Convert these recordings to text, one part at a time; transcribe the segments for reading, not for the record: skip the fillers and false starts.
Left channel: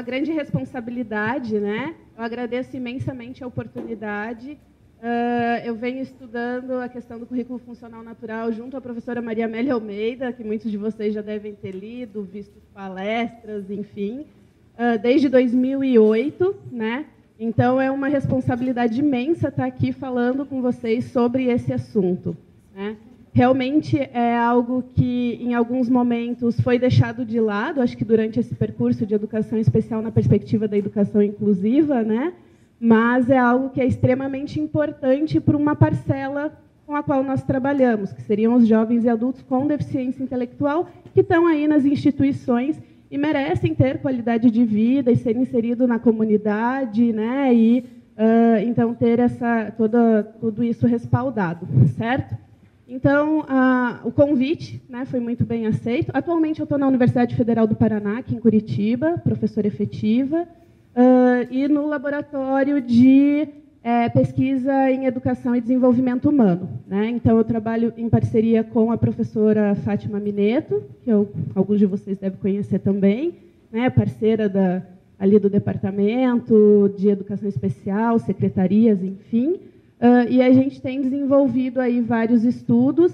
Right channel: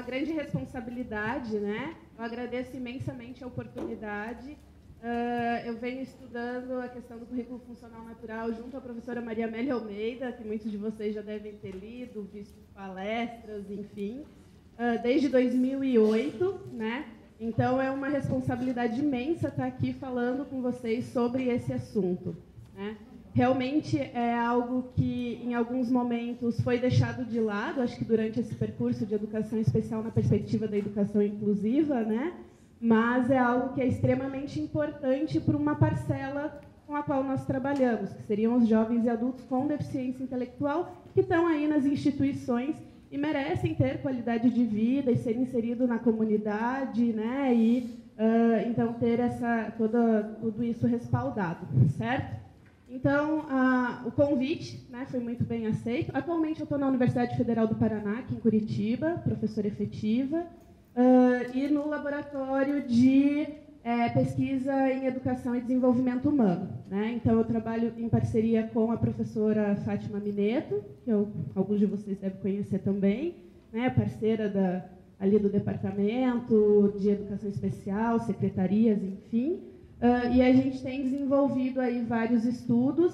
uma grande responsabilidade, né? Eu agradeço imensamente a oportunidade. Eu venho estudando a questão do currículo funcional natural junto à professora Maria Amélia Almeida, que muitos de vocês já devem ter lido, visto palestras, enfim, desde 2008, né? Então, é uma responsabilidade imensa estar aqui falando com vocês sobre esse assunto, né? Realmente é algo que, em alguns momentos, foi deixado de lado, acho que durante esse percurso de educação especial na perspectiva da educação inclusiva, né? Mas é algo que é extremamente importante para uma parcela com a qual nós trabalhamos, que seriam os jovens e adultos com deficiência intelectual, que estão aí nas instituições e merecem ter qualidade de vida e ser inserido na comunidade, né? E, então, ter tudo isso respaldado, certo? Então, o convite, né, foi muito bem aceito. Atualmente, eu estou na Universidade Federal do Paraná, aqui em Curitiba, professora efetiva, e no laboratório de pesquisa em educação e desenvolvimento humano, né? Então, eu trabalho em parceria com a professora Fátima Mineto, que alguns de vocês devem conhecer também, né, parceira ali do Departamento de Educação Especial, secretarias, enfim. E a gente tem desenvolvido aí vários estudos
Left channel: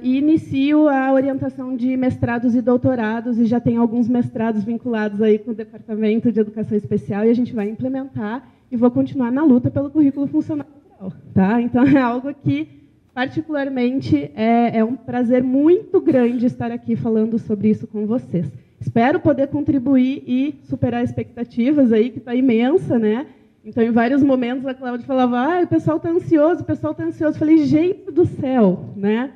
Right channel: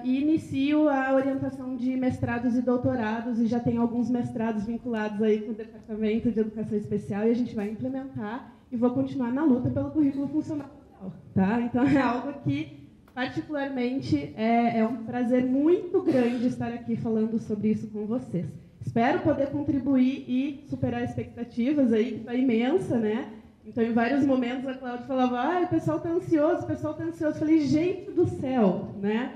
e inicio a orientação de mestrados e doutorados, e já tem alguns mestrados vinculados aí com o Departamento de Educação Especial, e a gente vai implementar e vou continuar na luta pelo currículo funcional natural, tá? Então, é algo que, particularmente, é um prazer muito grande estar aqui falando sobre isso com vocês. Espero poder contribuir e superar expectativas aí, que está imensa, né? Então, em vários momentos, a Cláudia falava, o pessoal está ansioso, o pessoal está ansioso. Eu falei, gente do céu, né?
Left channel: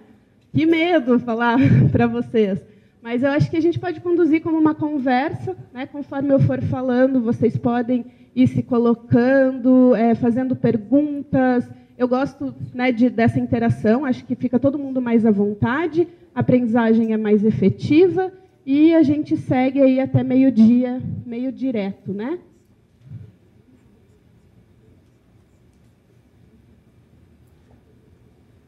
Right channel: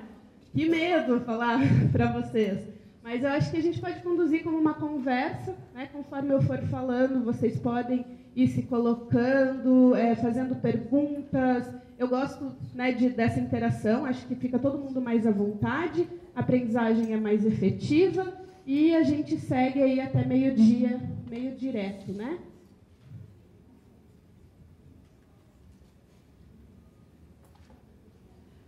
Que medo falar para vocês. Mas eu acho que a gente pode conduzir como uma conversa, né? Conforme eu for falando, vocês podem ir se colocando, fazendo perguntas. Eu gosto, né, dessa interação, acho que fica todo mundo mais à vontade, a aprendizagem é mais efetiva e a gente segue aí até meio-dia, meio direto, né?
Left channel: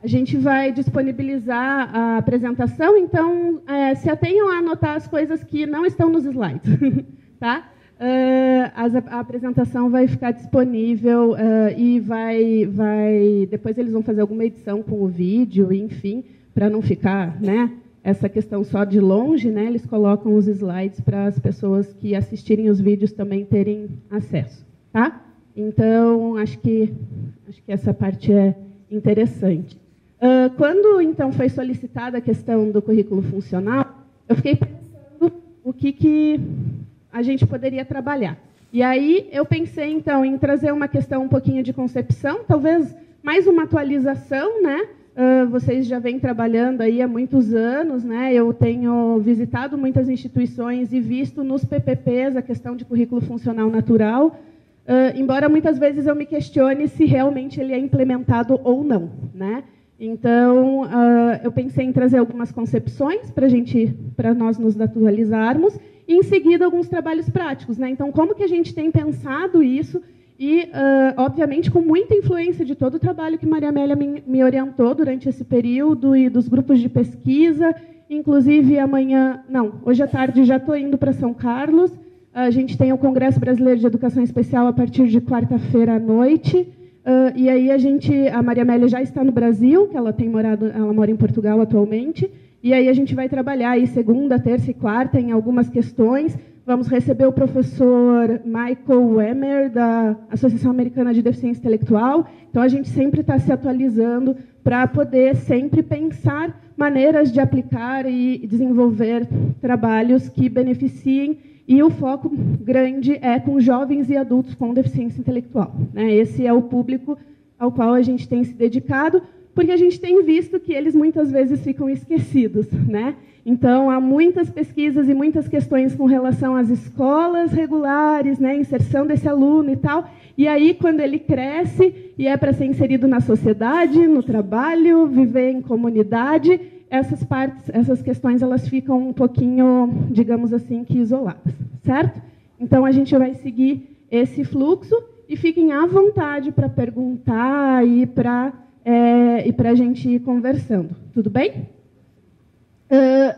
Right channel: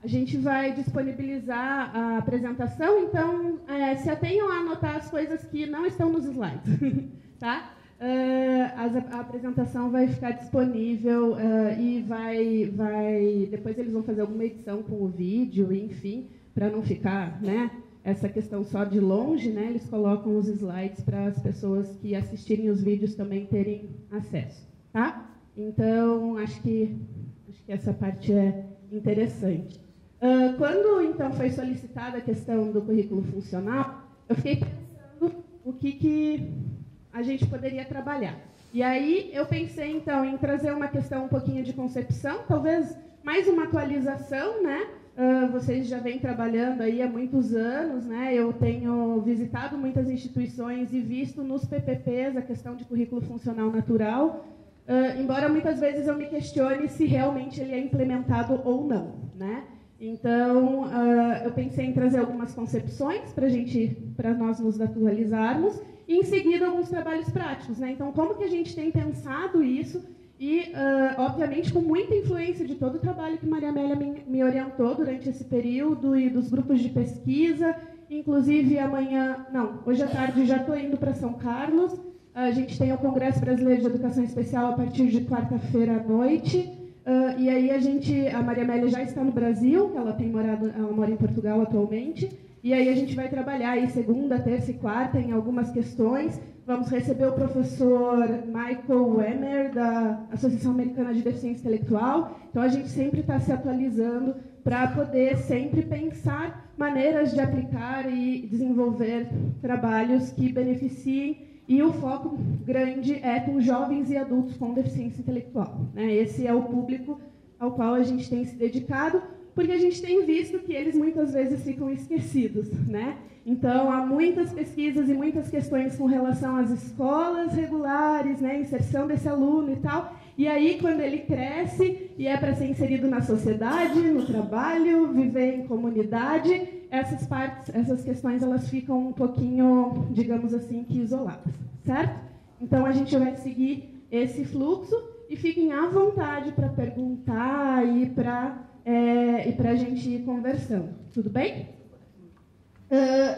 A gente vai disponibilizar a apresentação, então se atenham a anotar as coisas que não estão nos slides, tá? A apresentação vai ficar disponível e depois eles vão fazer alguma edição com o vídeo, enfim, para não ficar, né, essa questão só de longe, né? Eles colocam os slides para as pessoas que assistirem os vídeos também terem acesso, tá? Então acho que essa parte é interessante. Quando, então, foi solicitada a questão do currículo funcional, eu fiquei pensando o que a gente poderia trabalhar. E aí eu pensei, então, em trazer uma questão um pouquinho de concepção, talvez mais uma atualização, né? Vocês já vêm trabalhando aí há muitos anos, né? Eu tenho visitado muitas instituições e visto nos PPPs a questão de currículo funcional natural, embora muitas vezes eu me questione se realmente ele é implementado ou não, né? Então, eu pensei em trazer algumas concepções para nós nos atualizarmos e, em seguida, alguns trabalhos práticos, né? Então, como que a gente tem pensado isso e, obviamente, com muita influência de todo o trabalho que Maria Amélia me orientou durante esse período e dos grupos de pesquisa, inclusive hoje à tarde já estou indo para São Carlos, a gente tem o Congresso Brasileiro de Educação Especial a partir de quarta-feira à noite. E aí a Maria Amélia já está no Brasil, que ela mora em Portugal atualmente, e aí a gente vai trabalhar aí segunda, terça e quarta em algumas questões. Vamos receber o professor Michael Wemmer, da Associação Americana de Deficiência Intelectual. Então, a gente sempre está se atualizando para poder sempre pensar maneiras de aplicar e desenvolver trabalhos que beneficiem. E o foco grande é com jovens e adultos com deficiência intelectual, né? Esse é o público ao qual a gente tem se dedicado, porque a gente tem visto que eles muitas vezes ficam esquecidos, né? Então, há muitas pesquisas e muitas questões com relação às escolas regulares, né? Inserção desse aluno e tal. E aí, quando ele cresce e é para ser inserido na sociedade, no trabalho, viver em comunidade, essas questões elas ficam um pouquinho, digamos assim, que isoladas, certo? Então, a gente vai seguir esse fluxo e fiquem à vontade para perguntar e para a gente ir conversando. Tudo bem?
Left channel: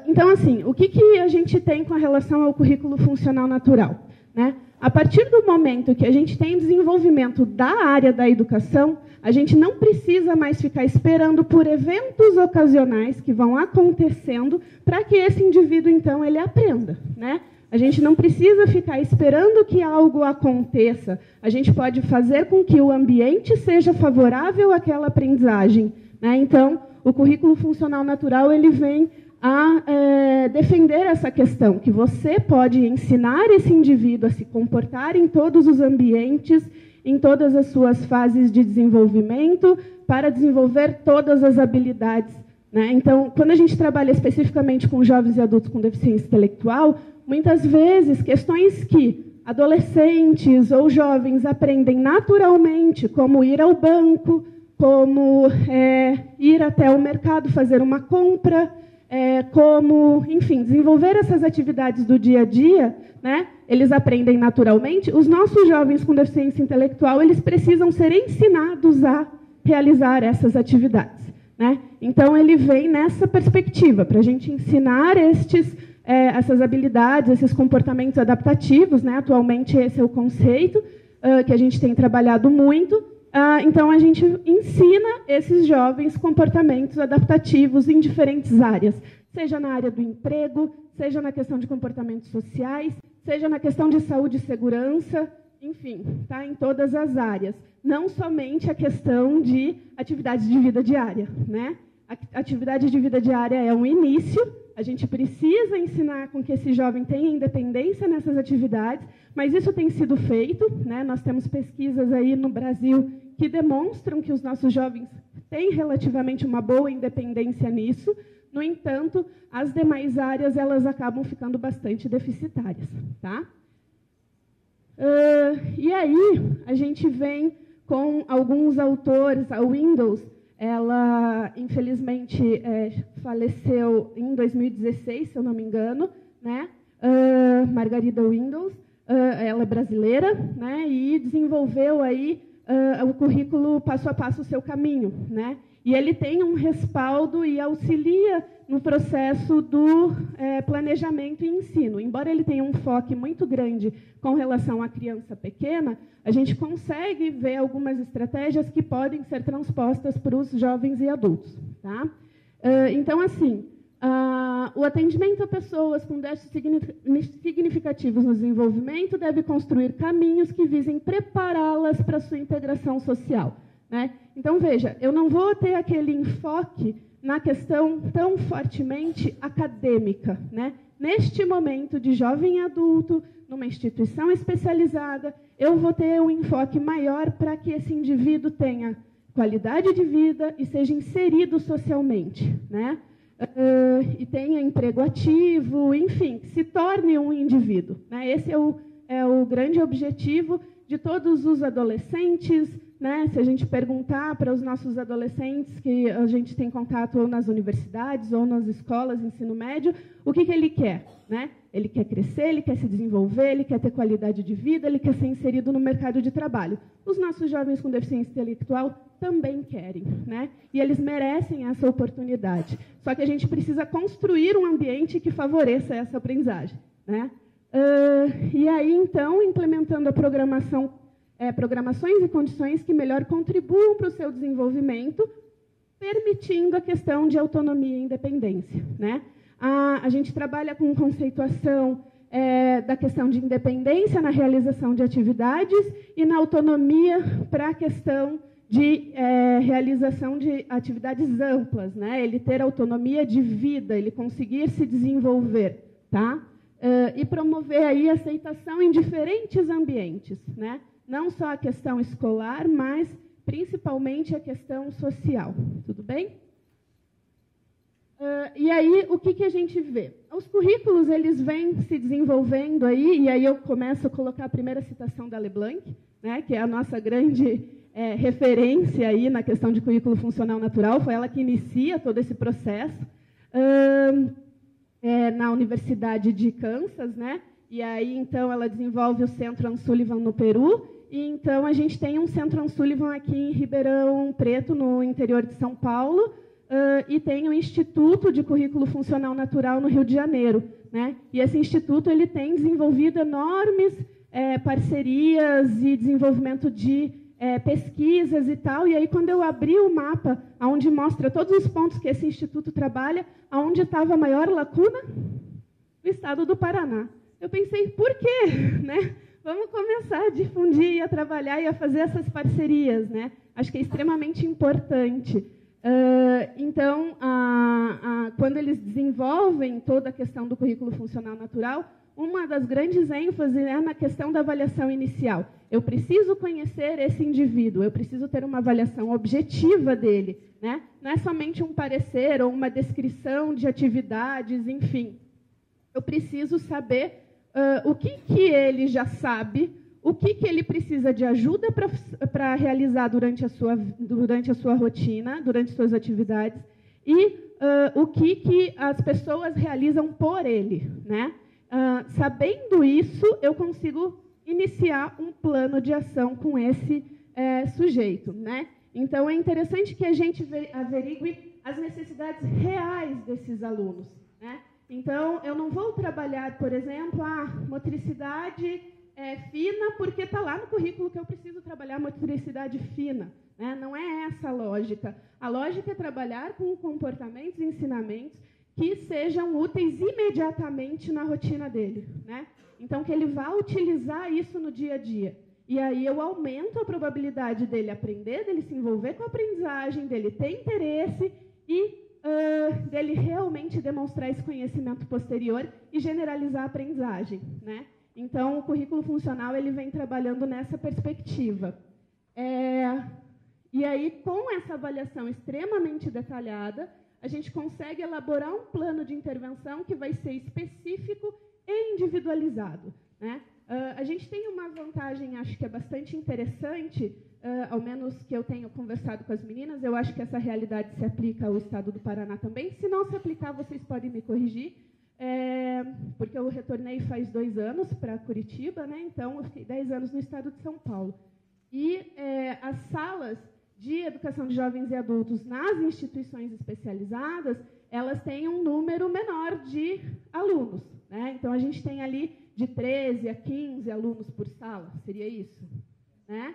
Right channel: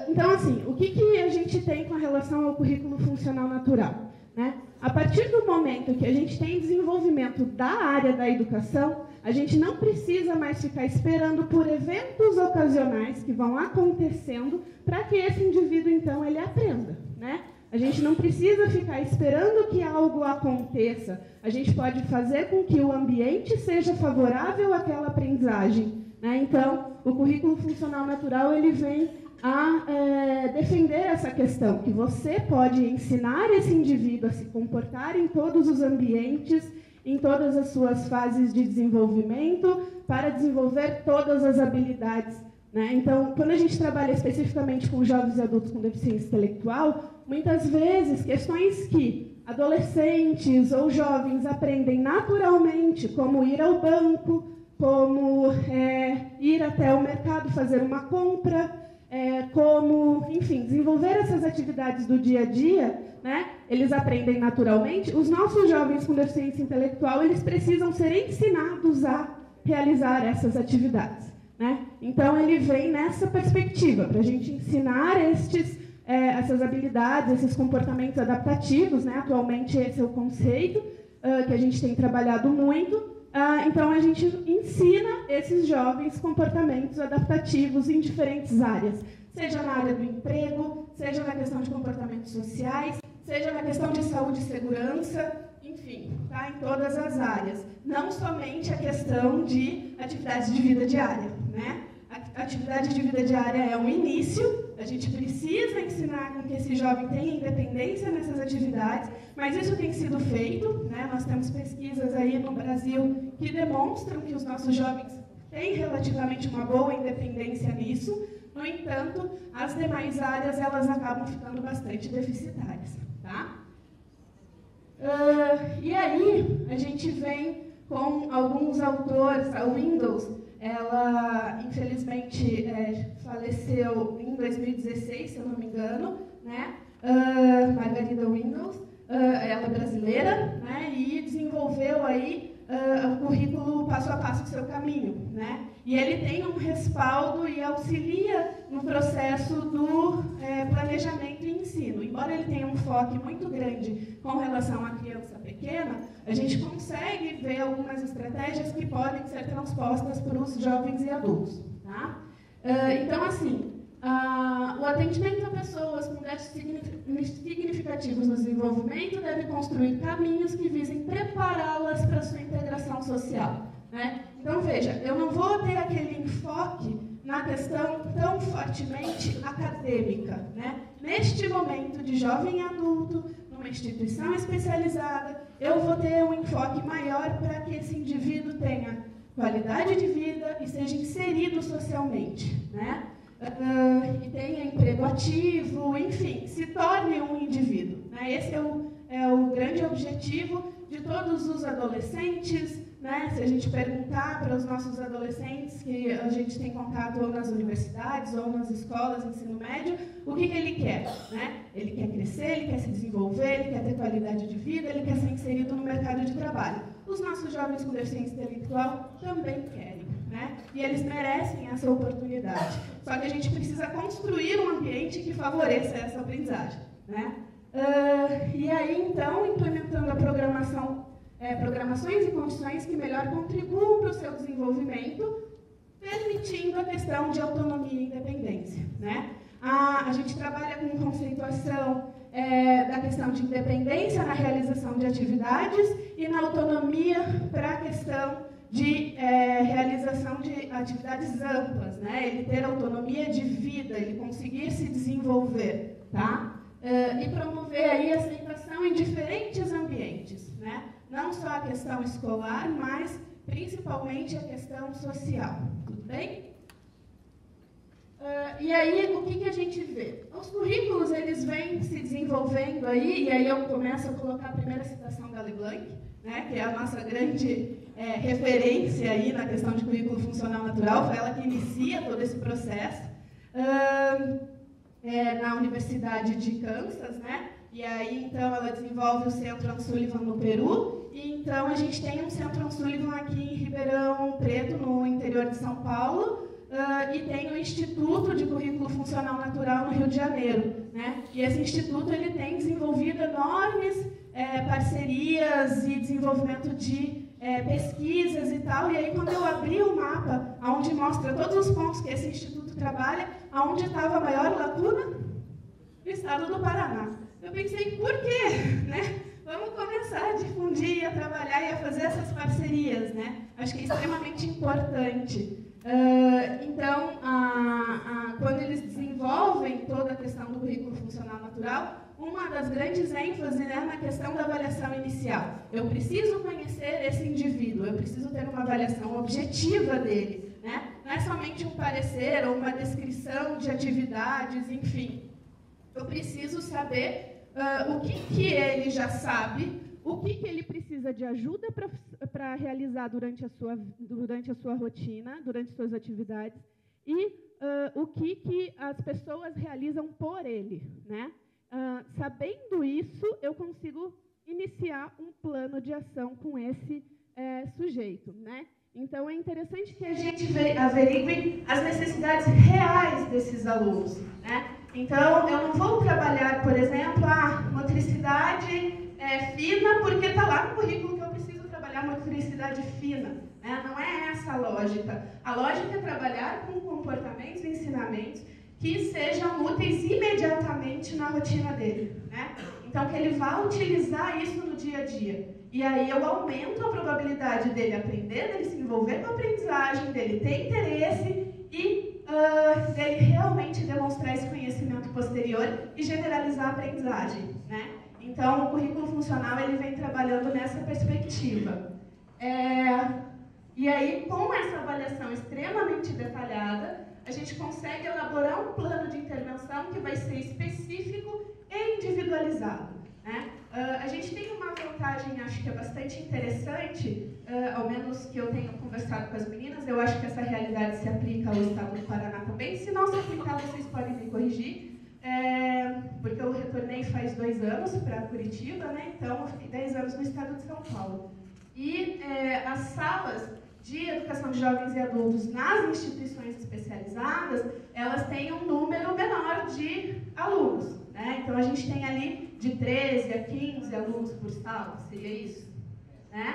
Então, assim, o que a gente tem com relação ao currículo funcional natural? né? A partir do momento que a gente tem desenvolvimento da área da educação, a gente não precisa mais ficar esperando por eventos ocasionais que vão acontecendo para que esse indivíduo, então, ele aprenda, né? A gente não precisa ficar esperando que algo aconteça. A gente pode fazer com que o ambiente seja favorável àquela aprendizagem, né? Então, o currículo funcional natural ele vem a defender essa questão, que você pode ensinar esse indivíduo a se comportar em todos os ambientes, em todas as suas fases de desenvolvimento, para desenvolver todas as habilidades, né? Então, quando a gente trabalha especificamente com jovens e adultos com deficiência intelectual, muitas vezes questões que adolescentes ou jovens aprendem naturalmente, como ir ao banco, como ir até o mercado fazer uma compra, como, enfim, desenvolver essas atividades do dia a dia, né? Eles aprendem naturalmente. Os nossos jovens com deficiência intelectual, eles precisam ser ensinados a realizar essas atividades, né? Então, ele vem nessa perspectiva, para a gente ensinar essas habilidades, esses comportamentos adaptativos, né? Atualmente, esse é o conceito que a gente tem trabalhado muito. Então, a gente ensina esses jovens comportamentos adaptativos em diferentes áreas, seja na área do emprego, seja na questão de comportamentos sociais, seja na questão de saúde e segurança, enfim, tá? Em todas as áreas. Não somente a questão de atividades de vida diária, né? A atividade de vida diária é um início, a gente precisa ensinar com que esse jovem tenha independência nessas atividades, mas isso tem sido feito, né? Nós temos pesquisas aí no Brasil que demonstram que os nossos jovens têm relativamente uma boa independência nisso. No entanto, as demais áreas elas acabam ficando bastante deficitárias, tá? E aí a gente vem com alguns autores. A Windows, ela infelizmente faleceu em 2016, se eu não me engano, né? Margarida Windows, ela é brasileira, né? E desenvolveu aí o currículo passo a passo o seu caminho, né? E ele tem um respaldo e auxilia no processo do planejamento e ensino. Embora ele tenha um foco muito grande com relação à criança pequena, a gente consegue ver algumas estratégias que podem ser transpostas para os jovens e adultos, tá? Então, assim, o atendimento a pessoas com déficits significativos no desenvolvimento deve construir caminhos que visem prepará-las para a sua integração social, né? Então, veja, eu não vou ter aquele enfoque na questão tão fortemente acadêmica, né? Neste momento de jovem adulto, numa instituição especializada, eu vou ter um enfoque maior para que esse indivíduo tenha qualidade de vida e seja inserido socialmente, né? E tenha emprego ativo, enfim, se torne um indivíduo, né? Esse é o grande objetivo de todos os adolescentes, né? Se a gente perguntar para os nossos adolescentes que a gente tem contato ou nas universidades ou nas escolas de ensino médio, o que ele quer, né? Ele quer crescer, ele quer se desenvolver, ele quer ter qualidade de vida, ele quer ser inserido no mercado de trabalho. Os nossos jovens com deficiência intelectual também querem, né? E eles merecem essa oportunidade. Só que a gente precisa construir um ambiente que favoreça essa aprendizagem, né? E aí, então, implementando a programações e condições que melhor contribuam para o seu desenvolvimento, permitindo a questão de autonomia e independência, né? A gente trabalha com conceituação da questão de independência na realização de atividades e na autonomia para a questão de realização de atividades amplas, né? Ele ter autonomia de vida, ele conseguir se desenvolver, tá? E promover aí a aceitação em diferentes ambientes, né? Não só a questão escolar, mas principalmente a questão social. Tudo bem? E aí, o que a gente vê? Os currículos, eles vêm se desenvolvendo aí, e aí eu começo a colocar a primeira citação da LeBlanc, né, que é a nossa grande referência aí na questão de currículo funcional natural, foi ela que inicia todo esse processo. Na Universidade de Kansas, né? E aí, então, ela desenvolve o Centro Anne Sullivan no Peru, e então a gente tem um Centro Anne Sullivan aqui em Ribeirão Preto, no interior de São Paulo, e tem o Instituto de Currículo Funcional Natural no Rio de Janeiro, né? E esse instituto ele tem desenvolvido enormes parcerias e desenvolvimento de pesquisas e tal. E aí, quando eu abri o mapa, onde mostra todos os pontos que esse instituto trabalha, aonde estava a maior lacuna? No estado do Paraná. Eu pensei, por quê? Né? Vamos começar a difundir, a trabalhar e a fazer essas parcerias, né? Acho que é extremamente importante. Então, quando eles desenvolvem toda a questão do currículo funcional natural, uma das grandes ênfases é na questão da avaliação inicial. Eu preciso conhecer esse indivíduo, eu preciso ter uma avaliação objetiva dele, né? Não é somente um parecer ou uma descrição de atividades, enfim. Eu preciso saber o que ele já sabe, o que ele precisa de ajuda para realizar durante a sua rotina, durante suas atividades, e o que as pessoas realizam por ele, né? Sabendo isso, eu consigo iniciar um plano de ação com esse sujeito, né? Então, é interessante que a gente averigue as necessidades reais desses alunos, né? Então, eu não vou trabalhar, por exemplo, a motricidade fina, porque está lá no currículo que eu preciso trabalhar motricidade fina, né? Não é essa a lógica. A lógica é trabalhar com comportamentos e ensinamentos que sejam úteis imediatamente na rotina dele, né? Então, que ele vá utilizar isso no dia a dia. E aí eu aumento a probabilidade dele aprender, dele se envolver com a aprendizagem, dele ter interesse e dele realmente demonstrar esse conhecimento posterior e generalizar a aprendizagem, né? Então, o currículo funcional ele vem trabalhando nessa perspectiva. E aí, com essa avaliação extremamente detalhada, a gente consegue elaborar um plano de intervenção que vai ser específico e individualizado, né? A gente tem uma vantagem, acho que é bastante interessante, ao menos que eu tenha conversado com as meninas, eu acho que essa realidade se aplica ao estado do Paraná também. Se não se aplicar, vocês podem me corrigir, porque eu retornei faz 2 anos para Curitiba, né? Então eu fiquei 10 anos no estado de São Paulo. E as salas de educação de jovens e adultos nas instituições especializadas, elas têm um número menor de alunos, né? Então, a gente tem ali de 13 a 15 alunos por sala, seria isso, né?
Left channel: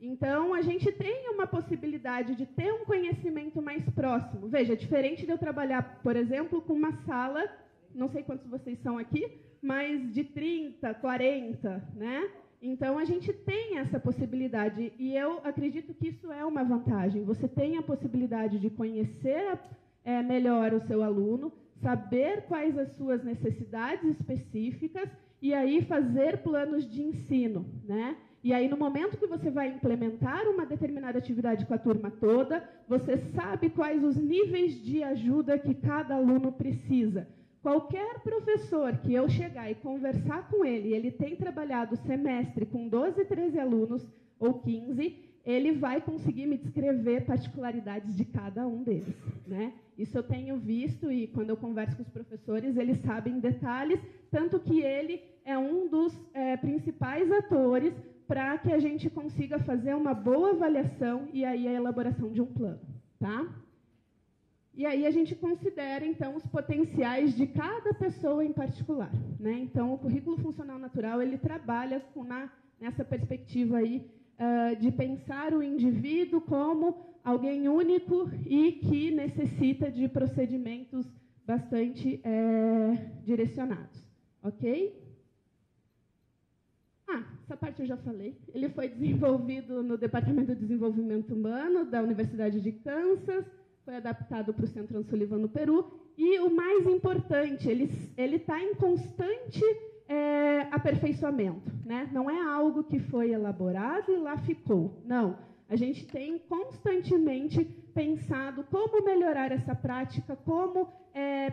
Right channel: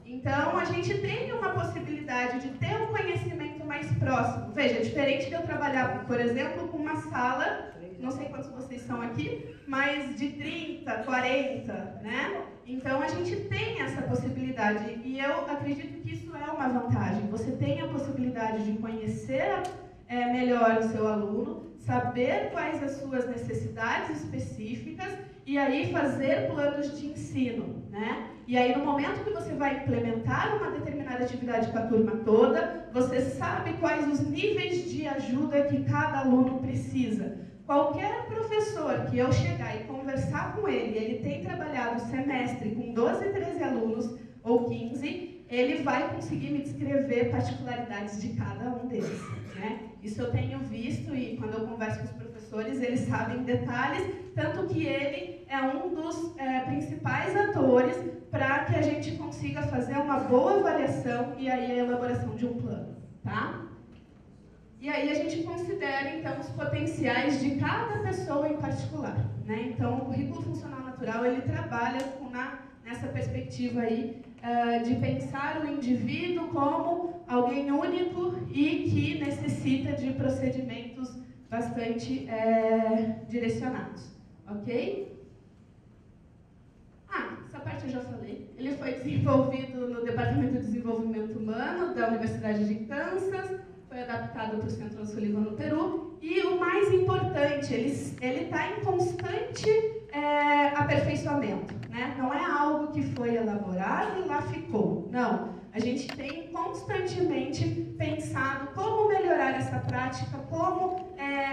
Então, a gente tem uma possibilidade de ter um conhecimento mais próximo. Veja, diferente de eu trabalhar, por exemplo, com uma sala, não sei quantos vocês são aqui, mas de 30, 40, né? Então, a gente tem essa possibilidade e eu acredito que isso é uma vantagem. Você tem a possibilidade de conhecer melhor o seu aluno, saber quais as suas necessidades específicas e aí fazer planos de ensino, né? E aí, no momento que você vai implementar uma determinada atividade com a turma toda, você sabe quais os níveis de ajuda que cada aluno precisa. Qualquer professor que eu chegar e conversar com ele, ele tem trabalhado o semestre com 12, 13 alunos ou 15, ele vai conseguir me descrever particularidades de cada um deles, né? Isso eu tenho visto e quando eu converso com os professores, eles sabem detalhes, tanto que ele é um dos principais atores para que a gente consiga fazer uma boa avaliação e aí a elaboração de um plano, tá? E aí a gente considera, então, os potenciais de cada pessoa em particular, né? Então, o currículo funcional natural, ele trabalha nessa perspectiva aí de pensar o indivíduo como alguém único e que necessita de procedimentos bastante direcionados, ok? Essa parte eu já falei. Ele foi desenvolvido no Departamento de Desenvolvimento Humano da Universidade de Kansas, foi adaptado para o Centro Sullivan no Peru, e o mais importante, ele está em constante aperfeiçoamento, né? Não é algo que foi elaborado e lá ficou, não. A gente tem constantemente pensado como melhorar essa prática, como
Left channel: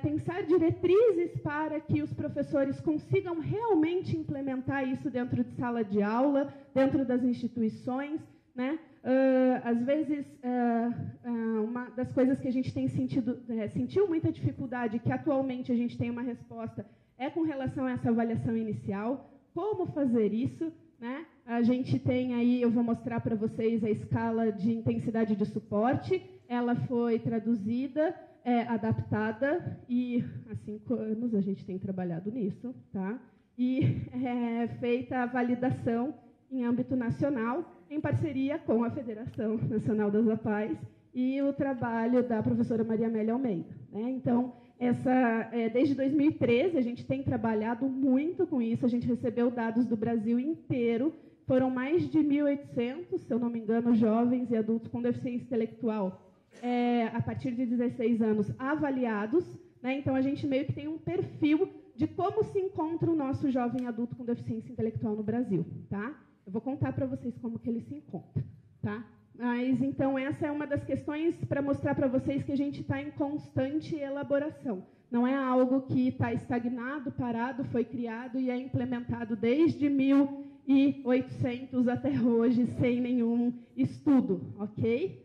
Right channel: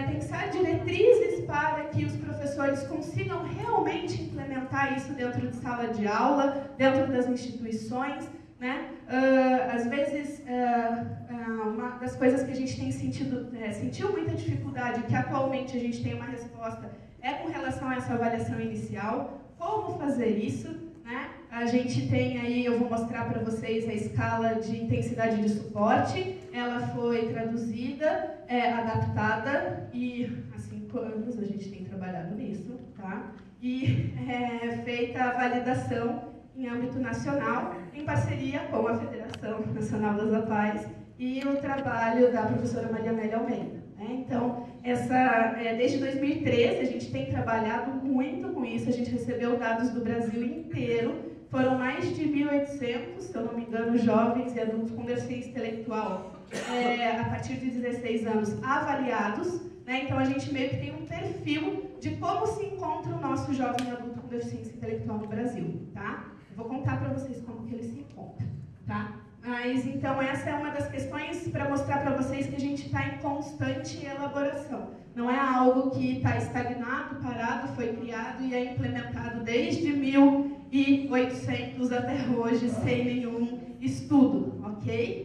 pensar diretrizes para que os professores consigam realmente implementar isso dentro de sala de aula, dentro das instituições, né? Às vezes, uma das coisas que a gente tem sentiu muita dificuldade, que atualmente a gente tem uma resposta, é com relação a essa avaliação inicial. Como fazer isso, né? A gente tem aí, eu vou mostrar para vocês a escala de intensidade de suporte. Ela foi traduzida, adaptada, e há 5 anos a gente tem trabalhado nisso, tá? e feita a validação em âmbito nacional, em parceria com a Federação Nacional das APAES e o trabalho da professora Maria Amélia Almeida. Então, desde 2013, a gente tem trabalhado muito com isso, a gente recebeu dados do Brasil inteiro, foram mais de 1.800, se eu não me engano, jovens e adultos com deficiência intelectual a partir de 16 anos avaliados. Então, a gente meio que tem um perfil de como se encontra o nosso jovem adulto com deficiência intelectual no Brasil. Tá? Eu vou contar para vocês como que ele se encontra. Tá? Mas, então, essa é uma das questões para mostrar para vocês que a gente está em constante elaboração. Não é algo que está estagnado, parado, foi criado e é implementado desde 1800 até hoje, sem nenhum estudo, ok?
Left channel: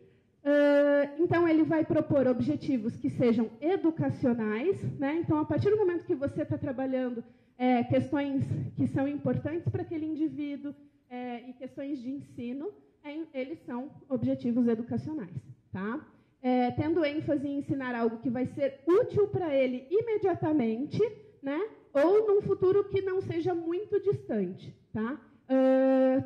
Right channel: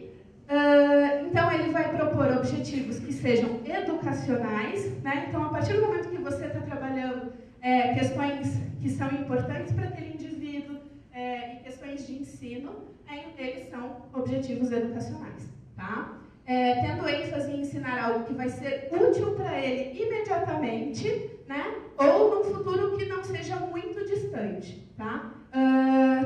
Então, ele vai propor objetivos que sejam educacionais, né? Então, a partir do momento que você está trabalhando questões que são importantes para aquele indivíduo e questões de ensino, eles são objetivos educacionais, tá? Tendo ênfase em ensinar algo que vai ser útil para ele imediatamente, né? Ou num futuro que não seja muito distante, tá?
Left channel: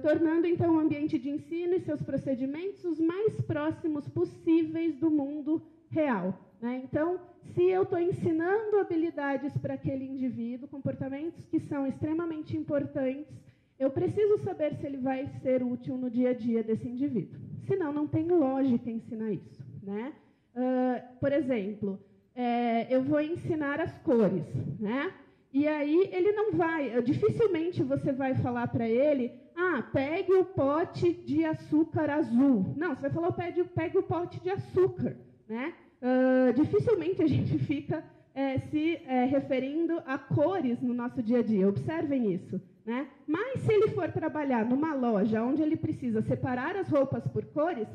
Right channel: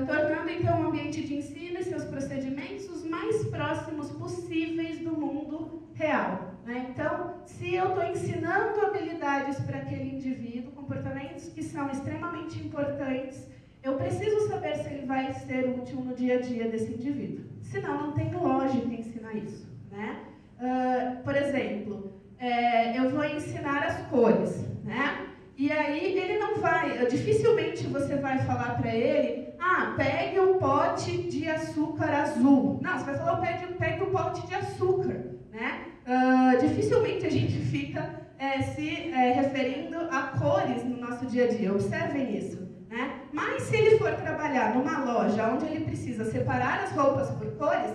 Tornando, então, o ambiente de ensino e seus procedimentos os mais próximos possíveis do mundo real, né? Então, se eu estou ensinando habilidades para aquele indivíduo, comportamentos que são extremamente importantes, eu preciso saber se ele vai ser útil no dia a dia desse indivíduo. Senão, não tem lógica em ensinar isso, né? Por exemplo, eu vou ensinar as cores, né? E aí ele não vai, dificilmente você vai falar para ele, pegue o pote de açúcar azul. Não, você vai falar, pegue o pote de açúcar, né? Dificilmente a gente fica se referindo a cores no nosso dia a dia, observem isso, né? Mas se ele for trabalhar numa loja onde ele precisa separar as roupas por cores,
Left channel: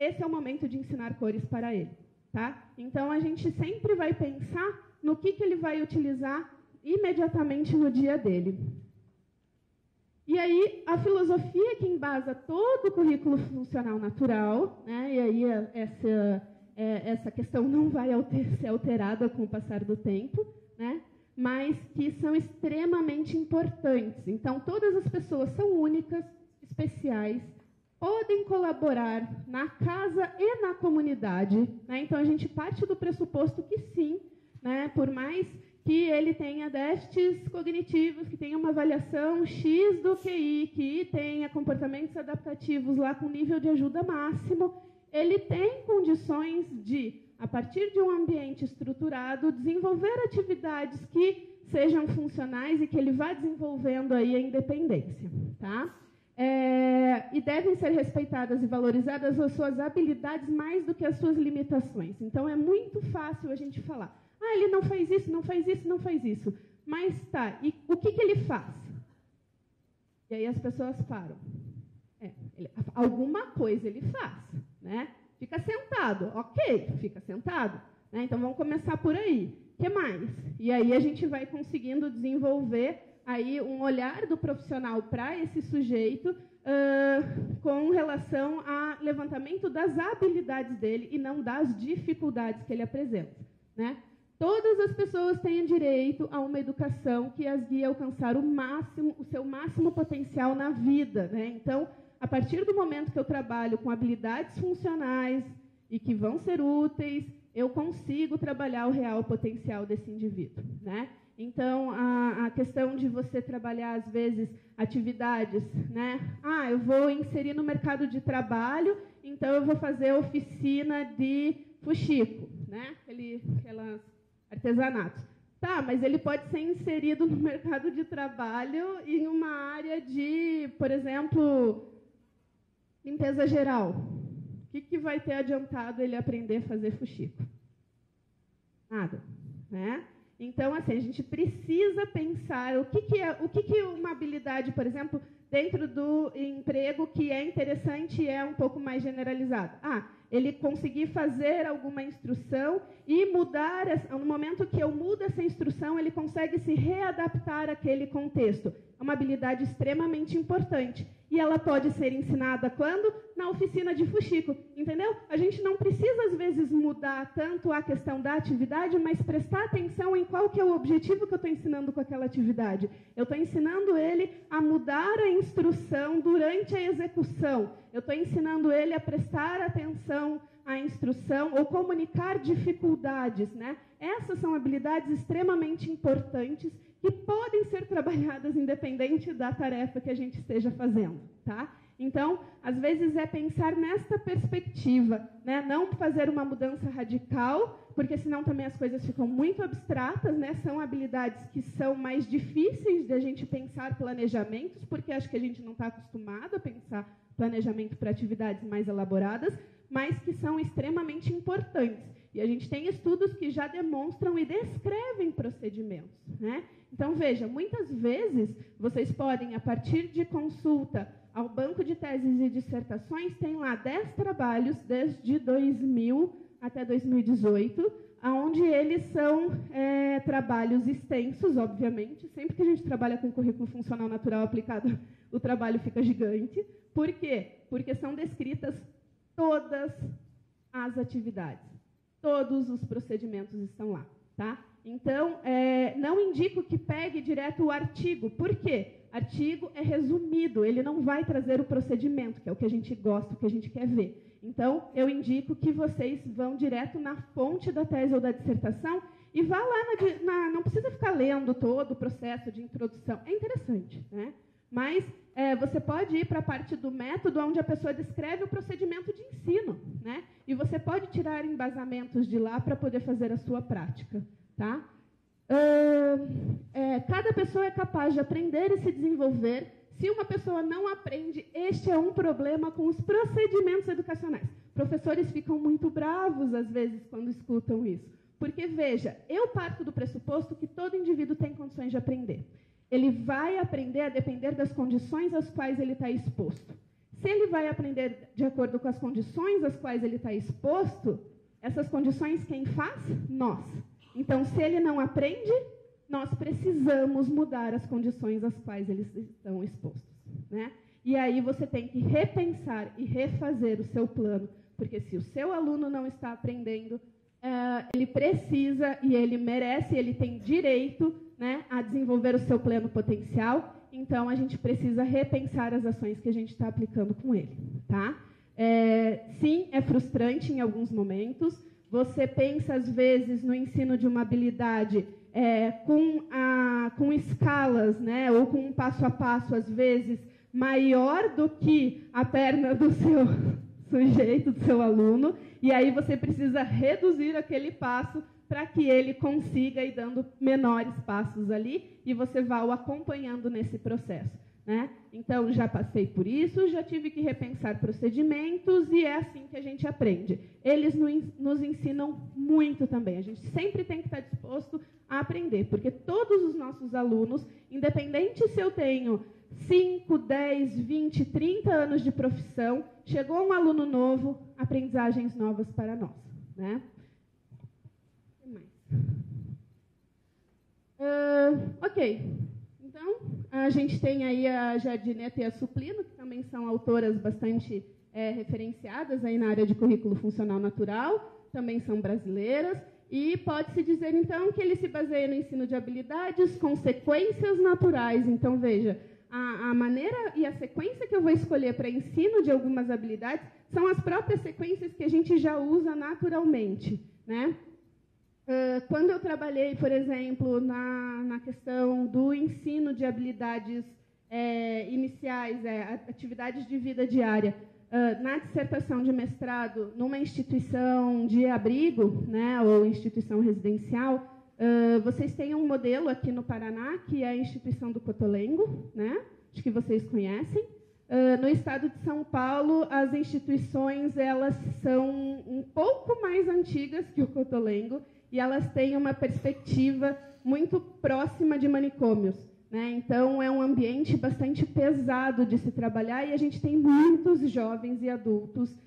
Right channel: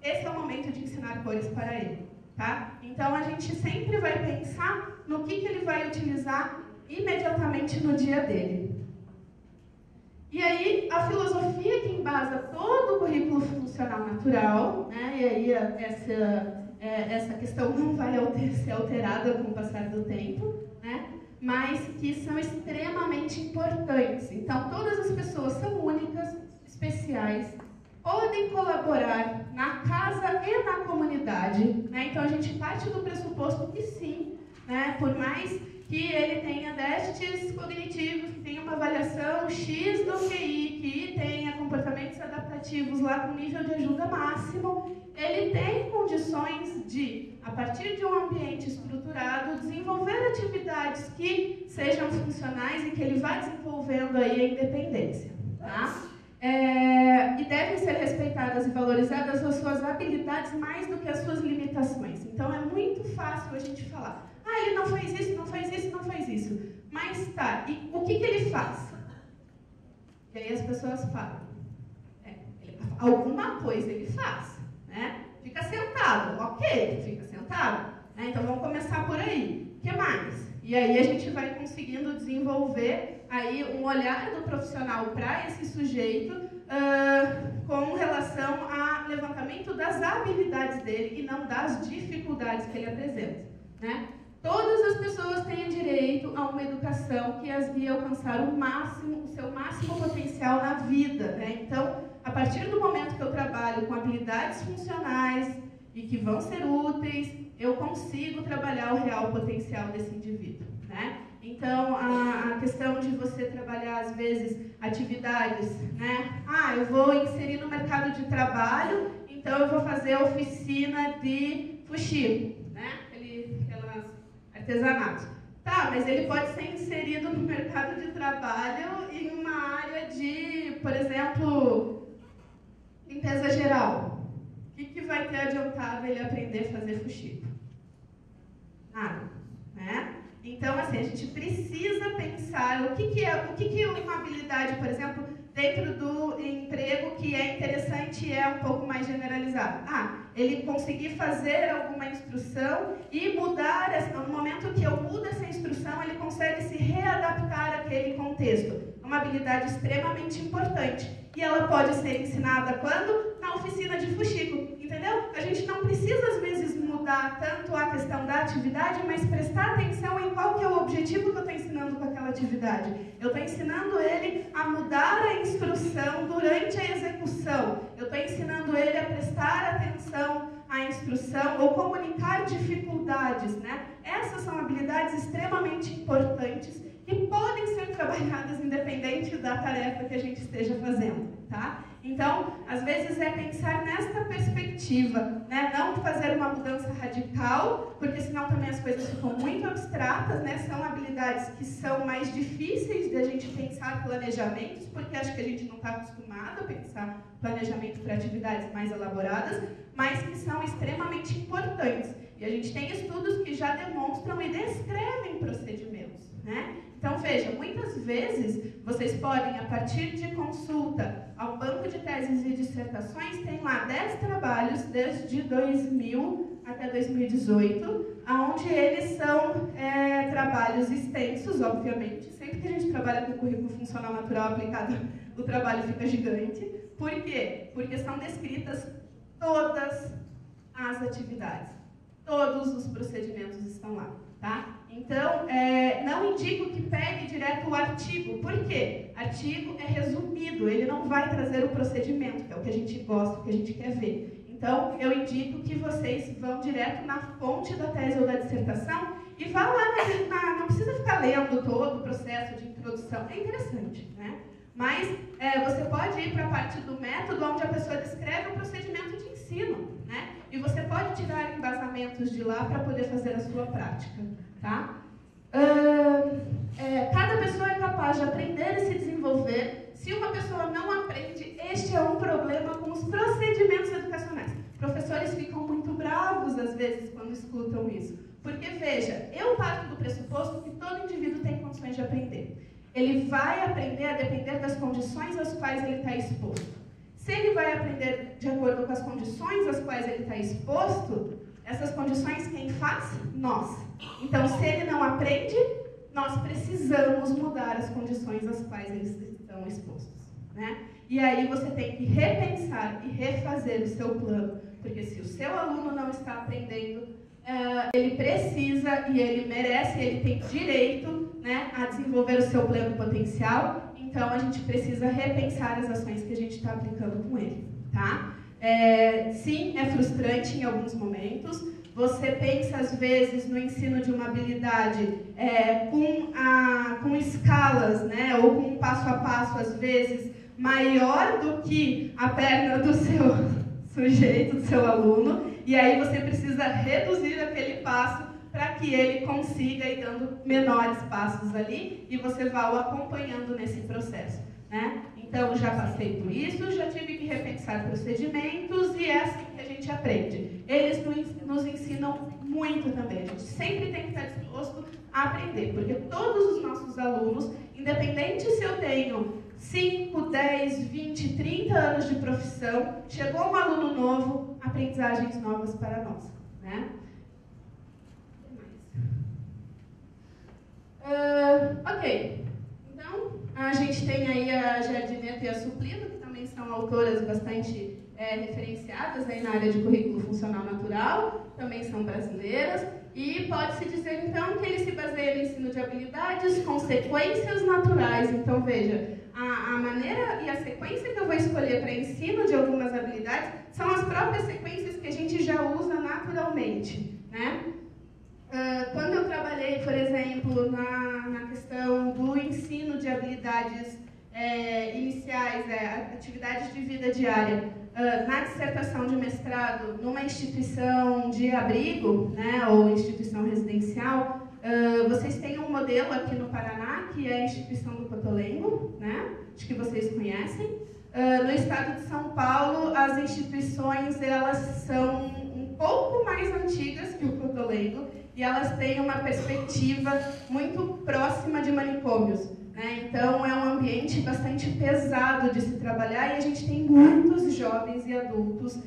esse é o momento de ensinar cores para ele, tá? Então a gente sempre vai pensar no que ele vai utilizar imediatamente no dia dele. E aí, a filosofia que embasa todo o currículo funcional natural, né, e aí essa questão não vai ser alterada com o passar do tempo, né, mas que são extremamente importantes. Então, todas as pessoas são únicas, especiais, podem colaborar na casa e na comunidade, né? Então, a gente parte do pressuposto que sim, né, por mais que ele tenha déficits cognitivos, que tenha uma avaliação X do QI, que tenha comportamentos adaptativos lá com nível de ajuda máximo, ele tem condições de, a partir de um ambiente estruturado, desenvolver atividades que sejam funcionais e que ele vá desenvolvendo aí a independência, tá? E devem ser respeitadas e valorizadas as suas habilidades mais do que as suas limitações. Então, é muito fácil a gente falar, ele não faz isso, não faz isso, não faz isso. Mas tá, e o que ele faz? E aí as pessoas falam, alguma coisa ele faz, né? Fica sentado, ok, fica sentado. Né? Então, vamos começar por aí. O que mais? E aí a gente vai conseguindo desenvolver aí um olhar do profissional para esse sujeito com relação ao levantamento das habilidades dele e não das dificuldades que ele apresenta, né? Todas as pessoas têm direito a uma educação que as guie a alcançar o seu máximo potencial na vida, né? Então, a partir do momento que eu trabalho com habilidades funcionais e que vão ser úteis, eu consigo trabalhar o real potencial desse indivíduo, né? Então, a questão de você trabalhar, às vezes, atividades, né? Eu vou inserir no mercado de trabalho, então eu vou fazer oficina de fuxico, né? Aquelas artesanatos. Tá, mas ele pode ser inserido no mercado de trabalho e numa área de, por exemplo, limpeza geral. O que vai ter adiantado ele aprender a fazer fuxico? Nada, né? Então, assim, a gente precisa pensar o que é uma habilidade, por exemplo, dentro do emprego que é interessante e é um pouco mais generalizado. Ele conseguir fazer alguma instrução e mudar, no momento que eu mudo essa instrução, ele consegue se readaptar àquele contexto. É uma habilidade extremamente importante. E ela pode ser ensinada quando? Na oficina de fuxico, entendeu? A gente não precisa, às vezes, mudar tanto a questão da atividade, mas prestar atenção em qual que é o objetivo que eu estou ensinando com aquela atividade. Eu estou ensinando ele a mudar a instrução durante a execução. Eu estou ensinando ele a prestar atenção à instrução ou comunicar dificuldades, né? Essas são habilidades extremamente importantes e podem ser trabalhadas independente da tarefa que a gente esteja fazendo, tá? Então, às vezes é pensar nesta perspectiva, né? Não fazer uma mudança radical, porque senão também as coisas ficam muito abstratas, né? São habilidades que são mais difíceis de a gente pensar planejamentos, porque acho que a gente não está acostumado a pensar planejamento para atividades mais elaboradas, mas que são extremamente importantes. E a gente tem estudos que já demonstram e descrevem procedimentos, né? Então, veja, muitas vezes vocês podem, a partir de consulta ao banco de teses e dissertações, tem lá 10 trabalhos desde 2000 até 2018, onde eles são trabalhos extensos, obviamente. Sempre que a gente trabalha com currículo funcional natural aplicado, o trabalho fica gigante. Por quê? Porque são descritas todas as atividades. Todos os procedimentos estão lá, tá? Então, não indico que pegue direto o artigo. Por quê? Artigo é resumido, ele não vai trazer o procedimento, que é o que a gente gosta, o que a gente quer ver. Então, eu indico que vocês vão direto na fonte da tese ou da dissertação e vá lá, não precisa ficar lendo todo o processo de introdução. É interessante, né? Mas você pode ir para a parte do método, onde a pessoa descreve o procedimento de ensino, né? E você pode tirar embasamentos de lá para poder fazer a sua prática, tá? Cada pessoa é capaz de aprender e se desenvolver. Se uma pessoa não aprende, este é um problema com os procedimentos educacionais. Professores ficam muito bravos, às vezes, quando escutam isso. Porque, veja, eu parto do pressuposto que todo indivíduo tem condições de aprender. Ele vai aprender a depender das condições às quais ele está exposto. Se ele vai aprender de acordo com as condições às quais ele está exposto, essas condições quem faz? Nós. Então, se ele não aprende, nós precisamos mudar as condições às quais eles estão expostos, né? E aí você tem que repensar e refazer o seu plano, porque se o seu aluno não está aprendendo, ele precisa e ele merece, ele tem direito, né, a desenvolver o seu pleno potencial. Então, a gente precisa repensar as ações que a gente está aplicando com ele, tá? Sim, é frustrante em alguns momentos. Você pensa, às vezes, no ensino de uma habilidade com escalas, né, ou com um passo a passo, às vezes, maior do que a perna do seu sujeito, do seu aluno, e aí você precisa reduzir aquele passo para que ele consiga ir dando menores passos ali e você vá o acompanhando nesse processo, né? Então, já passei por isso, já tive que repensar procedimentos e é assim que a gente aprende. Eles nos ensinam muito também, a gente sempre tem que estar disposto a aprender, porque todos os nossos alunos, independente se eu tenho 5, 10, 20, 30 anos de profissão, chegou um aluno novo, aprendizagens novas para nós, né? Ok, então a gente tem aí a Jardineta e a Suplido, que também são autoras bastante referenciadas aí na área de currículo funcional natural, também são brasileiras, e pode-se dizer então que ele se baseia no ensino de habilidades, consequências naturais. Então veja, a maneira e a sequência que eu vou escolher para ensino de algumas habilidades são as próprias sequências que a gente já usa naturalmente, né? Quando eu trabalhei, por exemplo, na questão do ensino de habilidades iniciais, atividades de vida diária, na dissertação de mestrado, numa instituição de abrigo, né, ou instituição residencial, vocês têm um modelo aqui no Paraná, que é a instituição do Cotolengo, né, acho que vocês conhecem. No estado de São Paulo, as instituições elas são um pouco mais antigas que o Cotolengo, e elas têm uma perspectiva muito próxima de manicômios, né? Então, é um ambiente bastante pesado de se trabalhar e a gente tem muitos jovens e adultos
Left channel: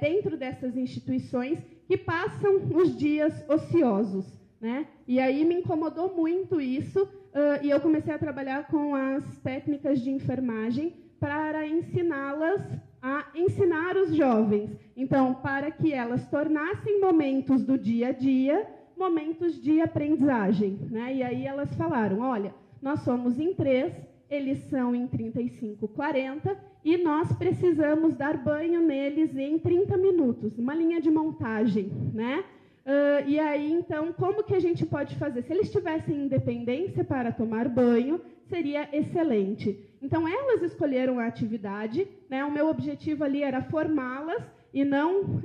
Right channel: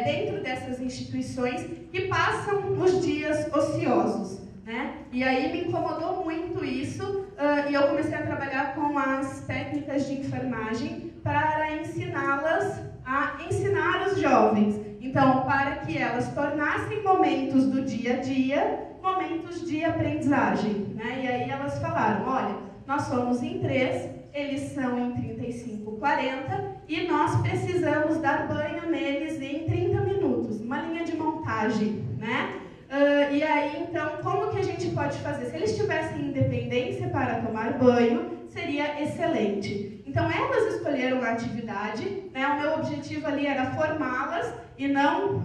dentro dessas instituições que passam os dias ociosos, né? E aí me incomodou muito isso e eu comecei a trabalhar com as técnicas de enfermagem para ensiná-las a ensinar os jovens. Então, para que elas tornassem momentos do dia a dia momentos de aprendizagem, né? E aí elas falaram, olha, nós somos em 3, eles são em 35, 40, e nós precisamos dar banho neles em 30 minutos, uma linha de montagem, né? E aí, então, como que a gente pode fazer? Se eles tivessem independência para tomar banho, seria excelente. Então, elas escolheram a atividade, né? O meu objetivo ali era formá-las e não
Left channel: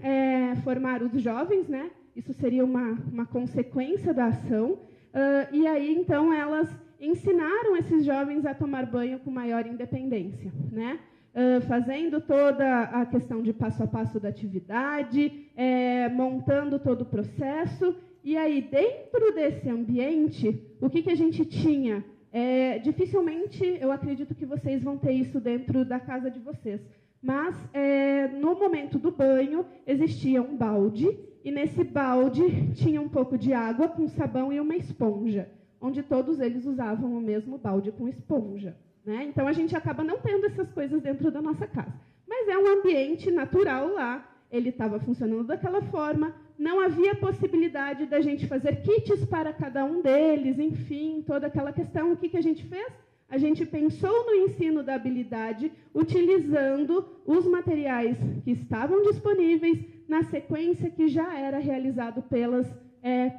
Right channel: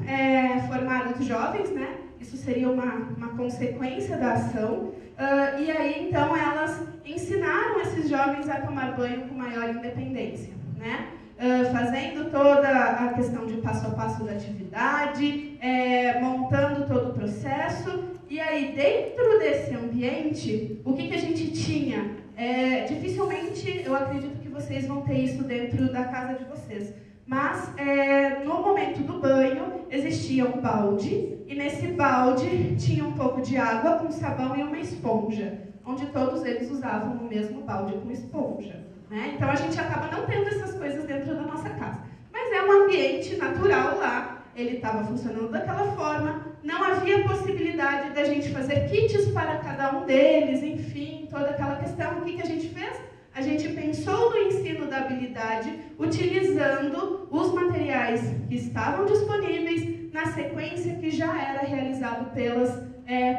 formar os jovens, né? Isso seria uma consequência da ação. E aí, então, elas ensinaram esses jovens a tomar banho com maior independência, né? Fazendo toda a questão de passo a passo da atividade, montando todo o processo. E aí, dentro desse ambiente, o que a gente tinha? Dificilmente, eu acredito que vocês vão ter isso dentro da casa de vocês, mas no momento do banho, existia um balde, e nesse balde tinha um pouco de água, um sabão e uma esponja, onde todos eles usavam o mesmo balde com esponja, né? Então, a gente acaba não tendo essas coisas dentro da nossa casa. Mas é um ambiente natural lá, ele estava funcionando daquela forma, não havia possibilidade da gente fazer kits para cada um deles, enfim, toda aquela questão. O que a gente fez? A gente pensou no ensino da habilidade, utilizando os materiais que estavam disponíveis na sequência que já era realizado pelas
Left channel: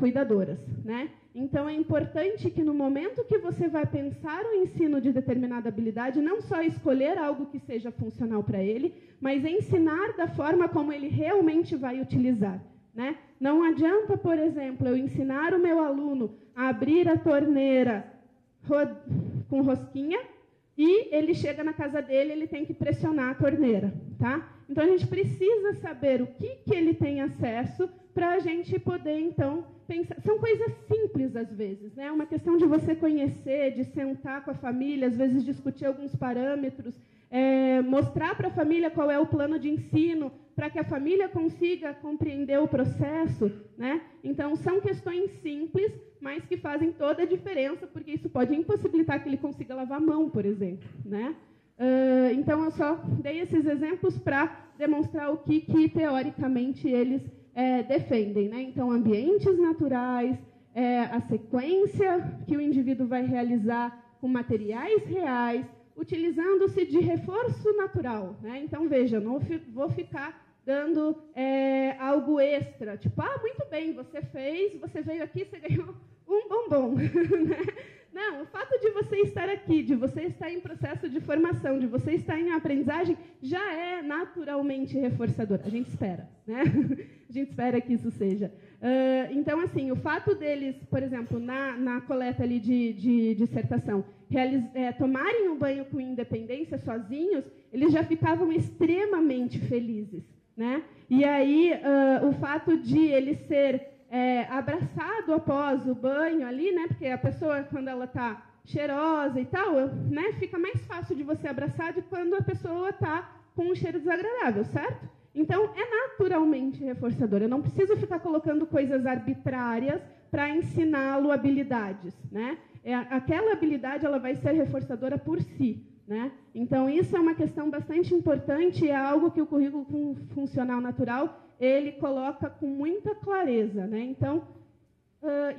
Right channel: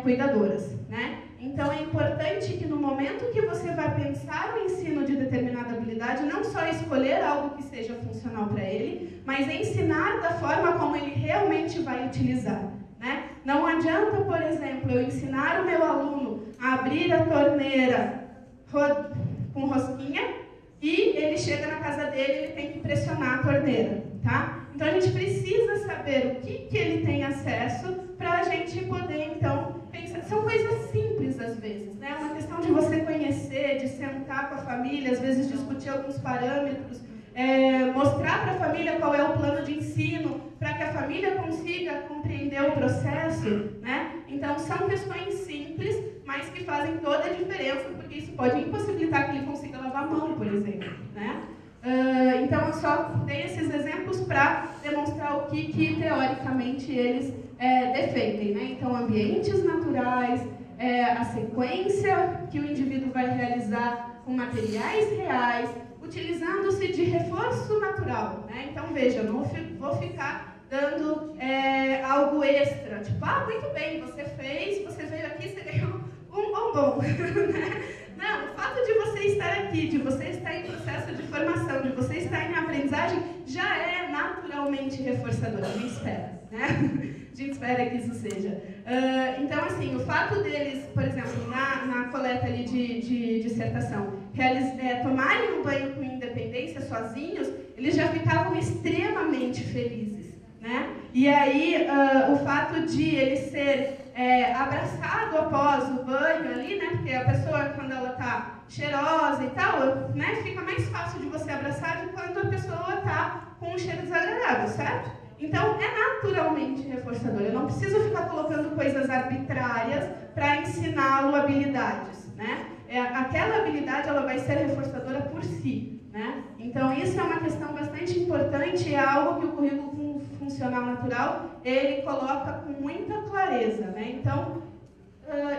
cuidadoras, né? Então, é importante que no momento que você vai pensar o ensino de determinada habilidade, não só escolher algo que seja funcional para ele, mas ensinar da forma como ele realmente vai utilizar, né? Não adianta, por exemplo, eu ensinar o meu aluno a abrir a torneira com rosquinha e ele chega na casa dele e ele tem que pressionar a torneira, tá? Então, a gente precisa saber o que ele tem acesso para a gente poder, então, pensar. São coisas simples, às vezes, né? Uma questão de você conhecer, de sentar com a família, às vezes discutir alguns parâmetros, mostrar para a família qual é o plano de ensino, para que a família consiga compreender o processo, né? Então, são questões simples, mas que fazem toda a diferença, porque isso pode impossibilitar que ele consiga lavar a mão, por exemplo, né? Então, eu só dei esses exemplos para demonstrar o que teoricamente, eles defendem, né? Então, ambientes naturais, a sequência que o indivíduo vai realizar com materiais reais, utilizando-se de reforço natural, né? Então, veja, não vou ficar dando algo extra, tipo, muito bem, você veio aqui, você ganhou um bombom, né? Não, o fato de você estar aqui, de você estar em processo de formação, de você estar em aprendizagem, já é naturalmente reforçador, a gente espera, né? A gente espera que isso seja. Então, assim, o fato deles, por exemplo, na coleta ali de dissertação, tomarem um banho com independência sozinhos, eles já ficavam extremamente felizes, né? E aí, o fato de ele ser abraçado após o banho ali, né? Porque a pessoa, quando ela está cheirosa e tal, né? Fica mais fácil de você abraçar do que quando a pessoa está com um cheiro desagradável, certo? Então, é naturalmente reforçador. Eu não preciso ficar colocando coisas arbitrárias para ensiná-lo habilidades, né? Aquela habilidade, ela vai ser reforçadora por si, né? Então, isso é uma questão bastante importante e é algo que o currículo funcional natural, ele coloca com muita clareza, né? Então,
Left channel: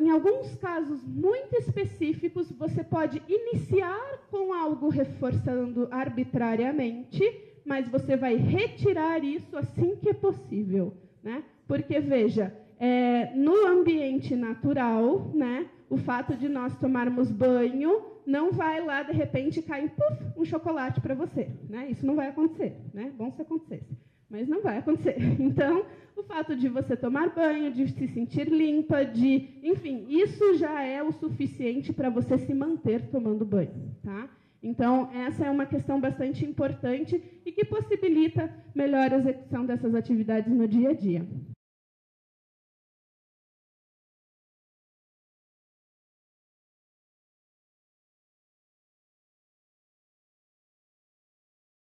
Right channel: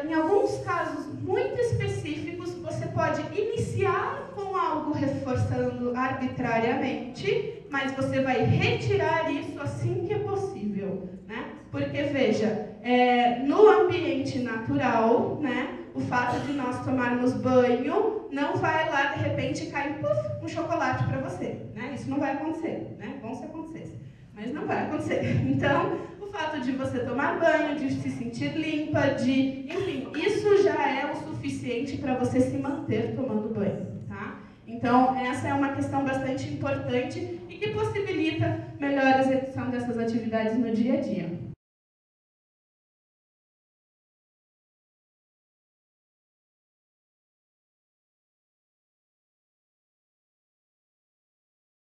em alguns casos muito específicos, você pode iniciar com algo reforçando arbitrariamente, mas você vai retirar isso assim que é possível, né? Porque, veja, no ambiente natural, né, o fato de nós tomarmos banho não vai lá, de repente, cair um chocolate para você, né? Isso não vai acontecer, né? Bom se acontecesse, mas não vai acontecer. Então, o fato de você tomar banho, de se sentir limpa, enfim, isso já é o suficiente para você se manter tomando banho, tá? Então, essa é uma questão bastante importante e que possibilita melhor execução dessas atividades no dia a dia.